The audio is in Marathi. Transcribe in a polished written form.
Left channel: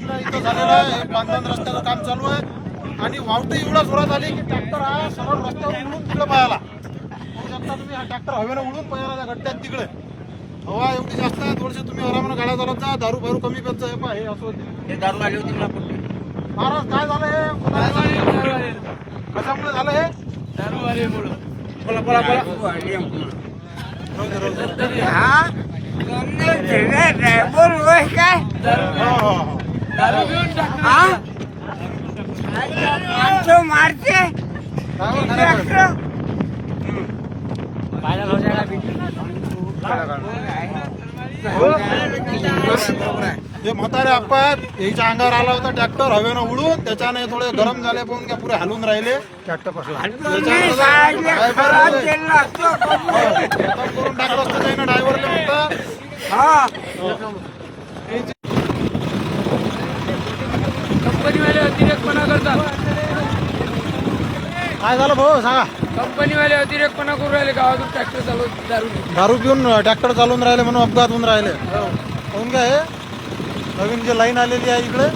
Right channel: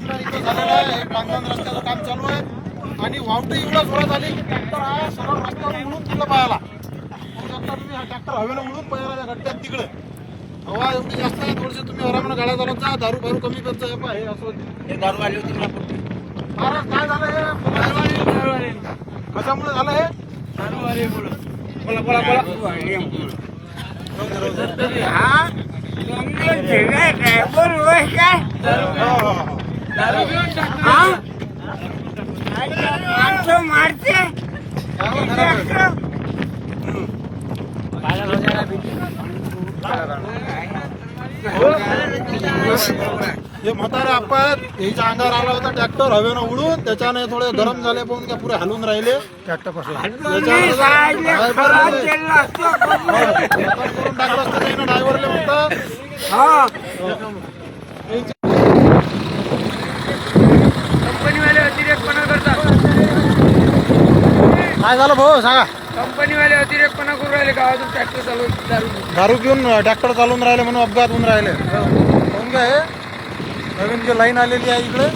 आपल्या इथं झालेलं आहे. पांढरण रस्त्याचं काम चालू आहे आणि वावटं एवढा जोरात आली की ट्रॅक्टर हा सरळ रस्त्यावर उडून तिकडे पाहायला. हा ट्रॅक्टर हवेला उडून पाहायला गड्ड्यात तिकडे. हवा एवढी जास्त आहे, थोडीशी तुम्ही घरामध्ये गाड्या चालवत जा, दारू फारू कमी करत जा. हे असं हे दारू आली होती ना. महाराज काय झालं हे? कशामुळे झालं हे? बोला बोला बोला. हा आमचं मारते हे म्हातारे आपण याच्या अंगावर आला होता ट्रॅक्टर हवेनं उडून, त्याच्याने थोडे गरम झाले पण काय पुरे हलून राहिले. ट्रॅक्टर कसला कंपनीवाले अतिरेकपणा करतात. काय झालं भाऊ सांगा? कंपनीवाले अतिरेकपणा करून राहिले, गावातून ट्रॅक्टर चालवून दारू पिऊन ट्रॅक्टर चालवून राहिले म्हणून अपघात होऊन राहिले. कोण काय हे? नवीन जे लाईन आलेली आहे इकडे